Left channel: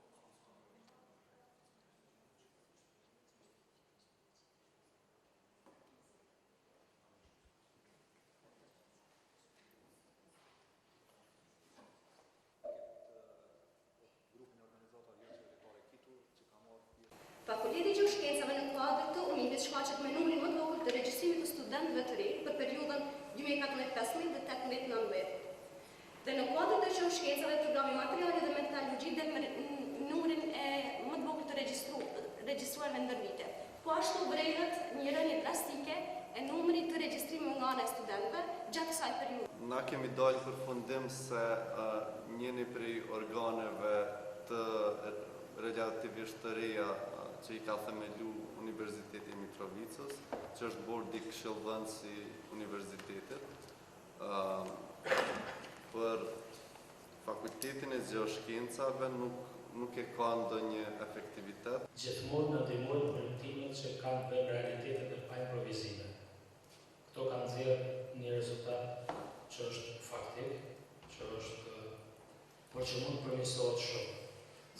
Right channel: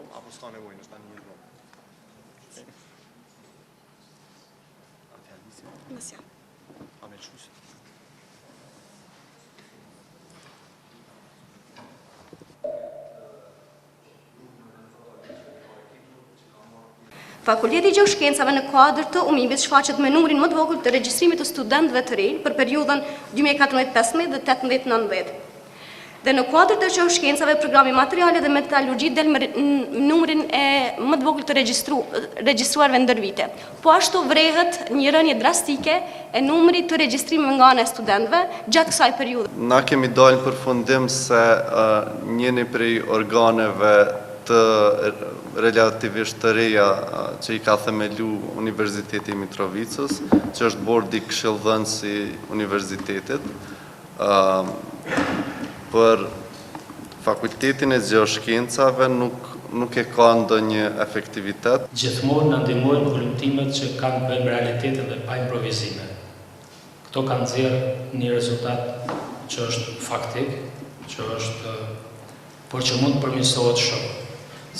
vonë, apo s'ka nevojë, është tani një vonë. Nësja. A me lëshusi. Fakulteti i Gjeoshkencave në kuadër të UMIB-it shfaqet me numrin më të vogël të regjistrimit të studentëve të rinj për periudhën 2014-15 dhe 18-19. Dhe në kuadër të Gjeoshkencave, programi materiale dhe metallurgji del me numrin më të vogël të regjistruarve ndër vite. Po ashtu vrehet një rënje drastike e numrit të regjistrimeve nga ana e studentëve gjatë kësaj periudhe. Na kemi dalë në përfundim se njëni prej organeve të relativisht të reja që i ka themelu Universiteti Mitrovicës, që është bordi këshillëdhënës i Universitetit, për Fakultetin e Gjeoshkencave nuk e ka ndonjë efektivitet. Gjithmonë në ndihmojnë volumtimet që kanë bëjmë realitetet dhe pa improvizime. Këto kanë nxjerrë një rezultat që është faktik, por që mund të përmirësohet shumë.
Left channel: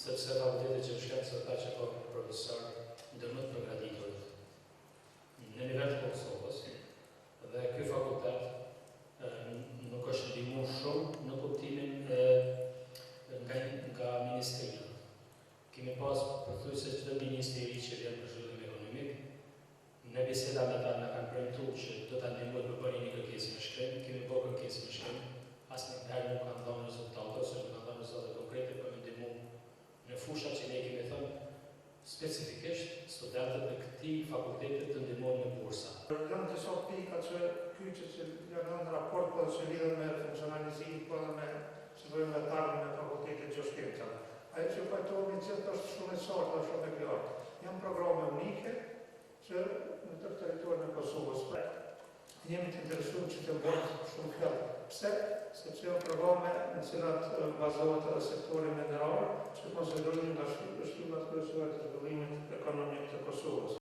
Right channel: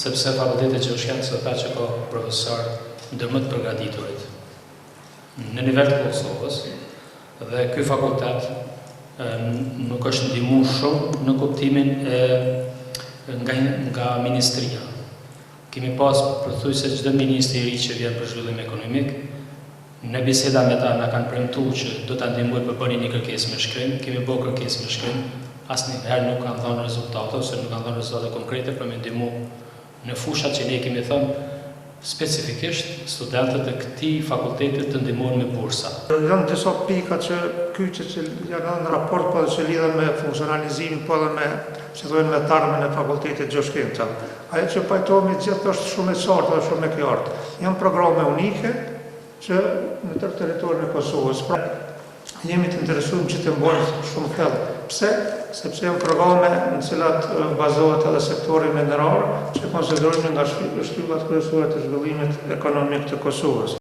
Sepse Fakulteti i Gjeoshkencave tha që ka profesor ndër më të përgatiturit në nivel të Kosovës, dhe ky fakultet nuk është ndihmu shumë në kuptimin nga ministria. Kemi pas përthuajse çdo ministri i ri që vjen për zhvillim ekonomik, në biseda me ta na kanë premtuar që do ta ndihmojnë për bënin një kërkesë me shkrim, kemi bërë kërkesë me shkrim, asnjëherë nuk kanë dhënë rezultate ose nuk kanë dhënë rezultate konkrete për me ndihmu në fushat që ne kemi thënë specifikisht studentët e këtij fakulteti të ndihmohen me bursa. Janë disa pika që kyçe që janë në raport po që lidhen me funksionalizimin po edhe me me tarmën e Fakultetit Gjeoshkencave. Ajo që pajtohemi gjithë është shumë e qartë dhe shumë e qartë. Janë programe unike që në tërë territorin e Kosovës. Pra, jemi të interesuar që të mbajmë shumë thellë. Pse? Sepse janë programe në cilat bazohet edhe sektori minerar që konsiderojmë nga shtyllat kryesore të zhvillimit ekonomik të Kosovës.